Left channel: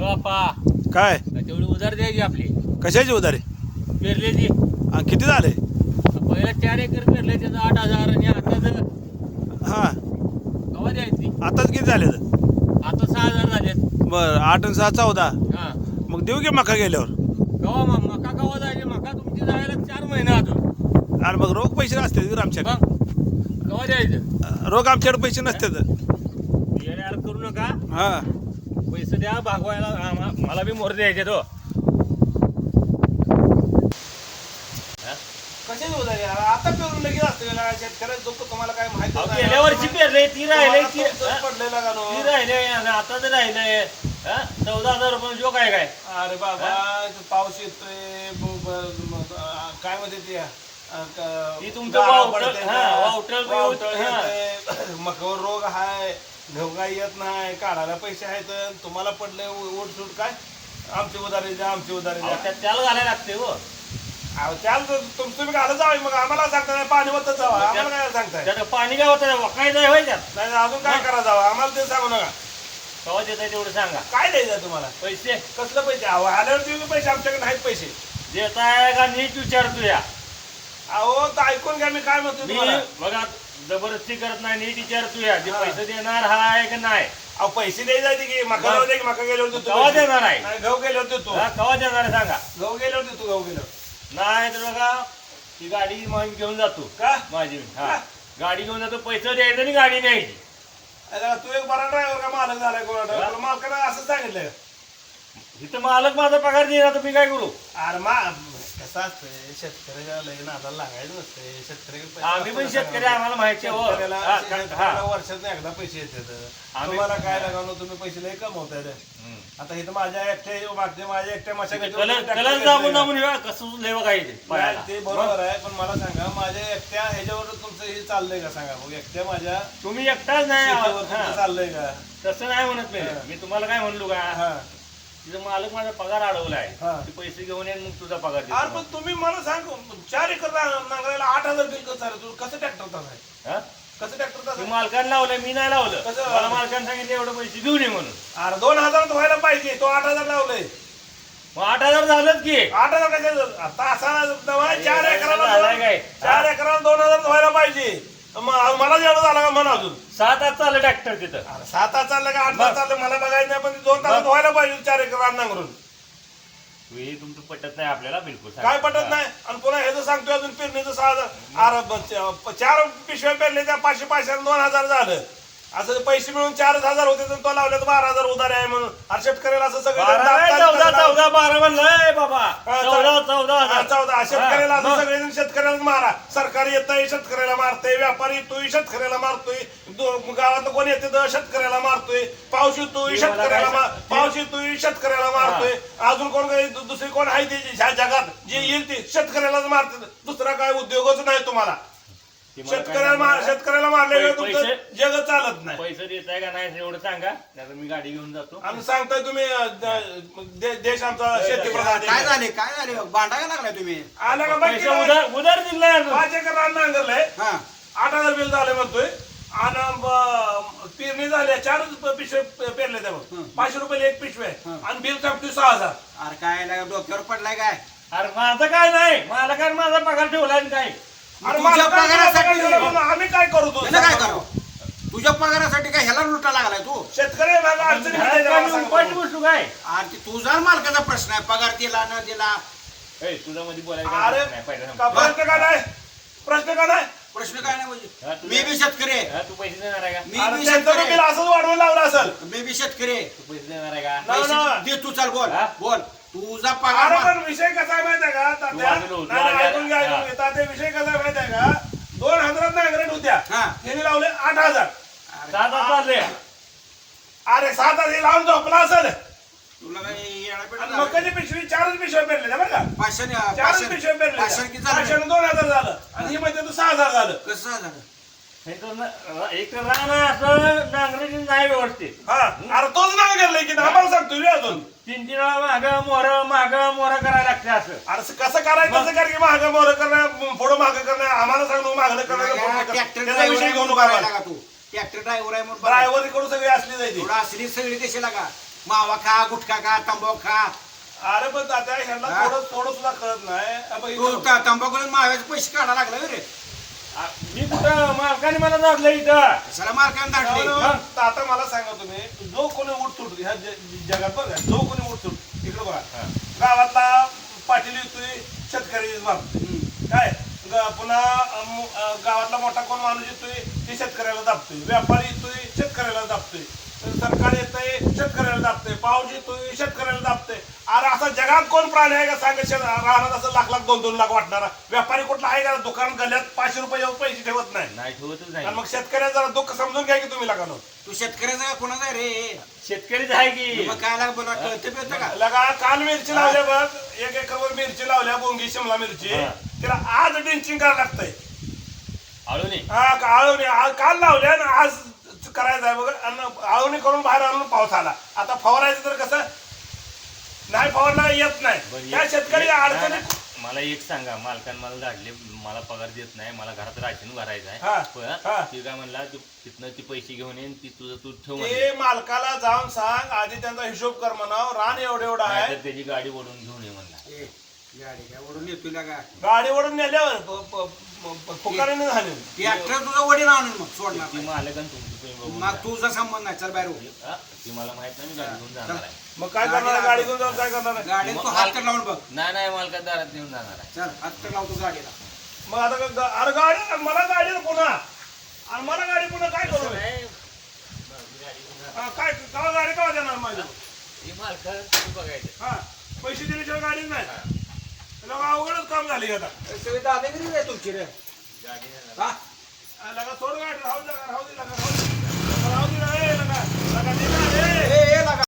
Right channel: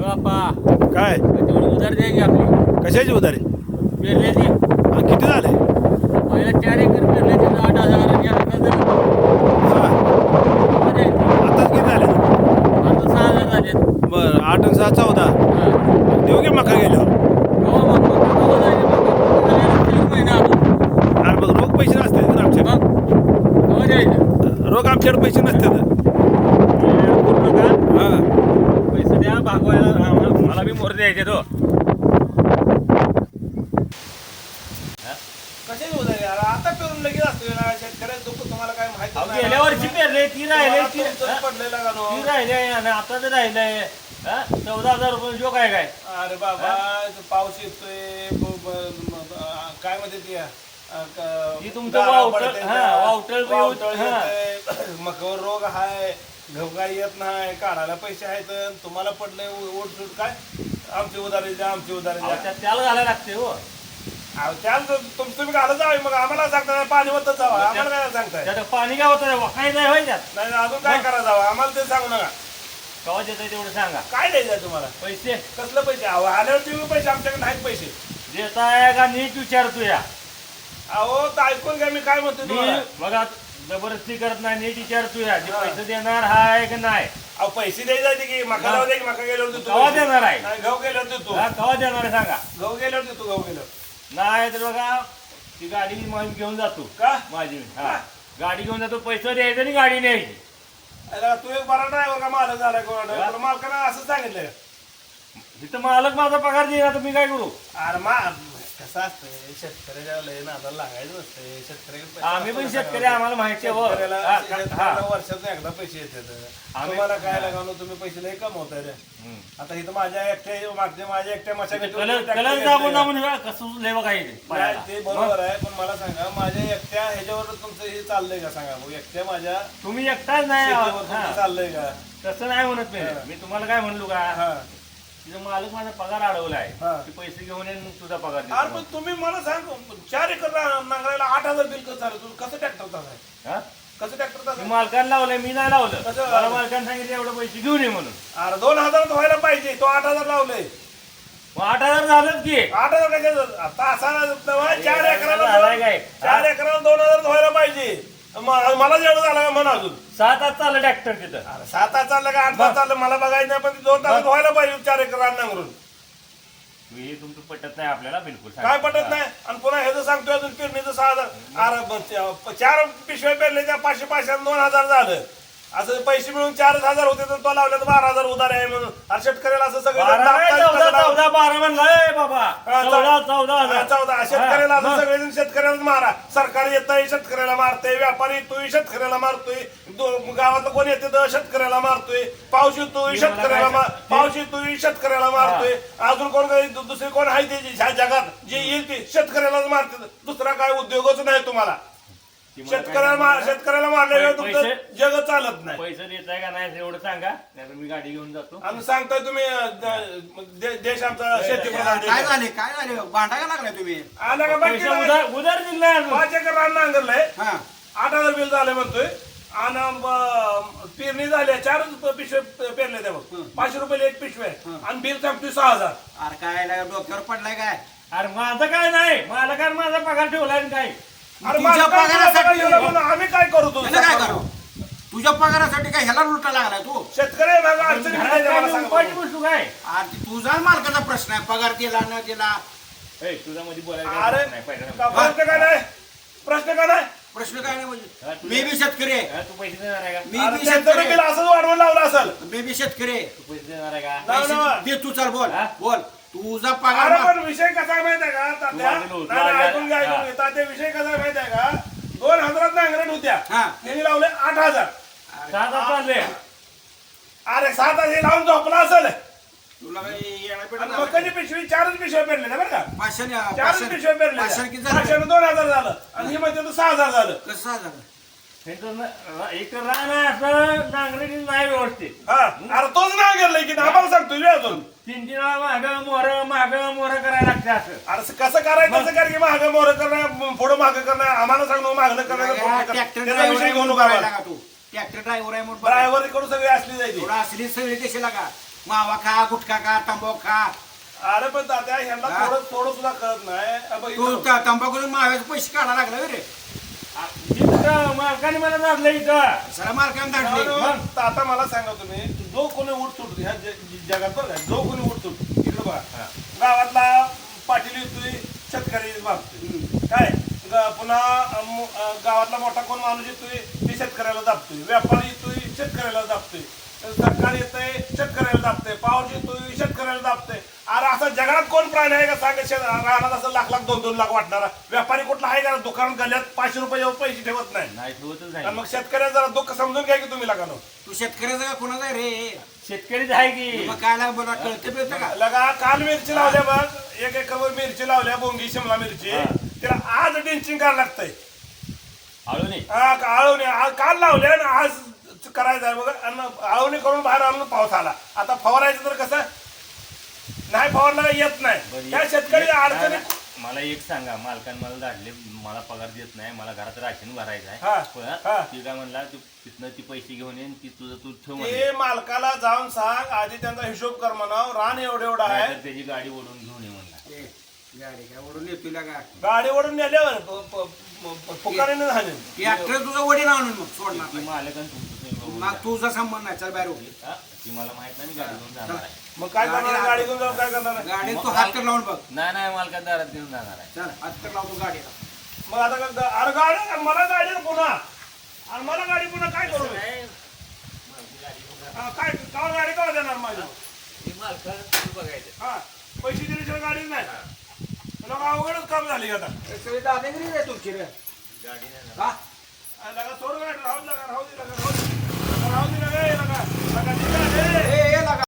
बाप्पा काय तेवढी उधार द्या की आपली कशाची उधारी पेरल्याची किती झाले पहिला 4 एकर पेरले त्याचं 8,000 आणि आता जर हा आताच किती झाले आता 6,000 झाले. बरं 8 आणि 6 14 हा मग देऊ की मका गेल्यावर कवा मग मग कवा जायचे मग जायला 4 महिने अजून आणि मग रोख पैसे नसतात तर आमच्याकडे मग कवा द्यायचं रोख आमच्याकडे पैसे नसतात येड करू नका हा पैसे द्या भागवायला मला बी मोर द्यायचे तो कशाची उधारी आता पेरून लगेच असतं शेतकऱ्याचं दुःख तुम्हाला काय माहिती गेल्या वर्षी पेरले ती राहिले ती पडलेला का नो ती राहिले आणि आता तर राहिलंय 14,000 रुपये जो काय काय अरे बाबा पाऊस येतोय काय म्हणते ते ती तुमचं वावटळ मकावर रोग हाय घवगा येत नाही काढायला पैसे आहेत तुम्हाला पडले ओढसूट काय आमची उधारी द्या आमची उधारी द्या त्याला घालायला लागते हो त्याला तुम्ही घालत जावे मग आम्हाला सांगताय पाणी वतच जावं आम्हाला काय सांगताय त्यात पाणी काय होतं काही नाही होय त्यात नाही अजून काय करा जावं आम्हाला ते सांगू नका कवा देत तेवढं सांगा काय द्यायचं तुम्हाला पैसे कसलं पैसे आल्यावर देऊ पैसे आमच्याकडे नाहीत पैसे देताय का नीट विचारतो या अहो तर ऐकून घ्या मी काय म्हणतो तुम्हाला बघा जबरदस्ती करत नाही नीट विचारतो या जे पैसे देणार हाय का नाही अहो पैसे द्यायचे की मका जाऊ दे की मका गेल्यावर देतो कवा देणार आहे नाही गहू गेल्यावर देतो कवा देणार आहे सांगा गहू गेल्यावर देतो गहू गेल्यावर नाही तर बघा ती गाडी माझी घेऊन जातो का माझी हा गाडी घेऊन जातो पैसे द्यायचं आणि गाडी न्यायची तू एक बरा ड्रायव्हर का मालक झालाय कोणा मालकानं असं सांगितलंय इथं मालक माझा पगार देणार तर मी काय करू अरे कसं असतंय शेतकऱ्याला लय नादाला लागायचं नसतंय शेतकऱ्याकडे आम्ही पण शेतकरी आम्हाला माहिती आहे हो. शेतकऱ्याला वर्षातून एकदा पैसे येतात तुम्हाला काय लागावं तुम्ही पैसे लय कमवताय रे आता इथं माझ्या एकट्या कसं लय बघायचे ते बरोबर आहे पण मला सांगा माझ्या एकट्या ह्याच्यावर तुमचं हे चाललंय का सांगा भाऊ एकट्या माझ्या तुम्ही एकटाच नाही शेतीवर तुमचं चाललंय का तसं नाही म्हणत मी तुम्हाला काय म्हणलो का हा तिथं मालक माझा पगार अडवलाय हा. ते पैसे घेऊन येईन मग तुझा पगार देतो. अरे पण तुम्ही मला सांग 4 एकर नांगरायला 8,000 बिल कसं झालं तुझं कसं ट्रॅक्टर तास आहे हा? कसं ट्रॅक्टर तास तू आहे मालकानं लावलंय मी नाही लावलं कसं? मला मालकानं सांगितलं एवढं पैसे घेऊन ये म्हणून अरे 2,000 व्हायला पाहिजे तो 8,000 लावलंय मग 8,000 झालंच की 8,000 कशाचं तासाला 4 एकराला झालंय काय? 4 एकराला 2,000 व्हायला पाहिजे मला जेवढं झालं का म्हणा अजून 7 तास चाललं ट्रॅक्टर तिथं अरे 7 तास चाललं का 8 तास चाललं मला बघायचं नाही पण 2 तासात व्हायला पाहिजे 4 एकर रान नांगरून हे तुमचं पटत नाही आपल्याला बिलकुल काय पटत नाही आणि पुन्हा ह्याचं सांगतोय अजून पेरणीचं 6,000 4 पिशव्या पेरले त्या 500 2,000 झालं असं पैसे मिळून 4,000 होते तर तो लावले 12,000 उधार आहे म्हणून आणि शेतकऱ्याला असं सगळं 14 12 म्हणलाय बाबा 14 शेतकऱ्याला असं सगळेजण शेतकऱ्याला मारा सरकार येतंय शेतकऱ्याला मारतंय व्यापारी येतोय शेतकऱ्याला मारतोय गावातलं कोण येते तर शेतकऱ्याला मारतोय पाऊस येतोय शेतकऱ्याला मारतोय अजून कोण दुसरी कोण आहे ते ह्या जगात जे येईल ते शेतकऱ्यालाच मारते दुसरा काय उद्योगच नाही तुम्हाला शेतकऱ्याला मारल्याशिवाय तुमचं जग चालत नाही पैसे देताय का नाही एवढं सांगा नाही मी गाडी घेऊन जातो आम्ही सांगतोय तुम्ही देश आमचा शेतीप्रधान काय झाले भांडा का लागलाय तुम्ही आला का बाकी उधार दिलाय 5 एकर रान नांगरलंय हा 8,000 बिल झाले म्हणतोय आणि पेरणी झाल्या 4 पिशवे पेरले त्या बघ 500 रुपये एक पिशवे आणि बिल सांगतोय 6,000 अरे काय डोक्यावर पडलाय काय अरे माझं काय नाही मला काय माझा पगार ठेवलाय काय अरे तुझ्या पगारासाठी आम्ही काय करू तू त्याला काय करावं तुझ्या पगारासाठी काय ह्याला लुटा लागलाय तू शेतकरी अडचणी गोष्ट काय अरे तुझा मालकाचा प्रश्न आहे पगार दिला न दिला तुझ्या मध्ये बोलायचं अरे नाही, पहिलं. प्रश्न का नाही प्रश्न का नाही प्रश्न काय नाही म्हणजे हा, मी बी शेतकरी आहे हा, तू पैसे देणार आहे का मी अरे बी त्यांचं शेतकरी बिल असंच वाढवून लावलं असेल मी बी शेतकरी आहे तू पैसे देणार आहे का नाही, नाही. पैसे दे तू चाल बोल हा? बोल तुझा अरे पगार पण विषय कसा आहे माहिती आहे का तात्या नाही, ऐकून घ्या तात्या विषय कसा आहे माहिती आहे का 2,000 नांगरट होत्या हा. त्यांनी लावले 8,000 साधा चालले अरे 7,000 हे लावून झोपला असेल तुला काही येणं आणि बिणं मकाची पिशवी 4 पिशव्या पेरल्या बरं का 4 पिशव्या पेरल्या पाचशे किती झालं? 2,000 झालं आणि हे म्हणजे तू 6,000 झालं कसं झालं एक तर रान आहे असं डांगरेची नाही व्यवस्थित हा अरे तोच नांगरलंय की आम्हाला सांगतोय अजून 3 वेळा माग मोर करायला लागते असं अरे कसं करायचं तसं कर की महाग मोर करणं पुढं माग करणं आम्हाला सांगू मागणं करणं ट्रॅक्टर त्याचा विषय घेऊ नका तू ट्रॅक्टर ड्रायव्हर आहे म्हणून ड्रायव्हर कडून सगळी असली जायची थोडा असली सगळी कशाला का मावा खा गुटखा खा तंबाखू खा. अरे पण दादा ह्यांना हा? थोडं सुद्धा कळत नाही अब तू इथं- तंबाखू माव्याचे पैसे काढा लागला होय रे. मी तर मालकाने मला दाबलं इथं. सरा मार्काने धाडले. तर आता मला सांगा तुम्ही जो कोणी उठसूट ह्या जगात बघा जो कोणी उठसूट इकडे बघा गावातला पाटील येतोय शेतकरी मारतोय काय पुन्हा गावातला मोठा कोण माणूस येतोय ते शेतकऱ्याला दाबतोय व्यापारी येतोय शेतकऱ्याला दाबतोय सरकार येतंय शेतकऱ्याला दाबतंय पाऊस येतोय शेतकऱ्याला दाबतंय. अरे असं जगात कोण प्राणी आहे का सांगा राहणार असं लाख 2-2 लाख वाटणारा व्यापारी कुठला आहे का दुकानात गल्ल्यात 500 रुपये पैसे ठेवत नाही. नाही ठेवतच आणि नाही. मग शेतकऱ्याला जरा दुःख समजून घ्या की तुम्ही लगानो तू शेतकऱ्याचा का कोणाचा आहे रे. शेतकरीच आहे की. मग काय लाग बोला कळतं बिळतं का. लगा काल मिरची लावल्या बघ 1 एकरवर मिरची लावल्या बोंगी शिमला मिरची हा. तिला आज ड्रिंचिंग करायला लागतंय. आळूने आळवणी काल लावल्या आणि आज करायचं आहे बघ आणि आळवणी करून बाहेर आणून पाऊस आला. आता फवारायचं तर कसं नाही फवारला येत नाही बरं, त्या शेतकरी अडचणी मला एक सांगा मालकाने मला धाडले मला पगार देत नाही मला घरात राशन भरायचं हा, आहे हा. ती काय म्हणला तू तिथनं ती पैसे घेऊन येईन ती तुझं तू ठेव ते मालकाला जाऊन सांग आधी त्यांचा हिशोब कर म्हणाव रान एवढं आहे नाहीतर त्याची गाडी ओढून घेऊन ये म्हणला. ए, गाडी काय ओढून येतो का. गाडी ओढून नेल्यावर फुकारीने झाले ट्रॅक्टर तुझं वडील आणून मग सोडणार ती नाही. मालकान तुमची बघून मग तुझा संबंध नाही चल बाहेर हो. हा, ती मला माहित नाही मी गाडी घेऊन जाणार आहे. मग काय करणार गाडी घेऊन जाऊन काय करणार गाडी तू हात तर लावून बघ. नाही मालकात दारात घेऊन जाणार आहे. चल हात तर लावतो गाडीला. मग आता अरे गाडी मला गाडी पुन्हा आणि मला गाडी पुन्हा काय करू नाही, माझी गाडी घेऊन जाणार. काय कवा गाडी कवा देणार माझी ती मालकाला तुम्ही बघायचं. हा पैसे दिल्याशिवाय गाडीच नाही लोक अवघडच काम झाले आता सगळी दादागिरी रे तुमची रे. गाडी नेणार. हा लगा सोड गाडी राहू दे लगा राहू दे लगा राहू दे लगा राहू दे रे लगा लगा दे रे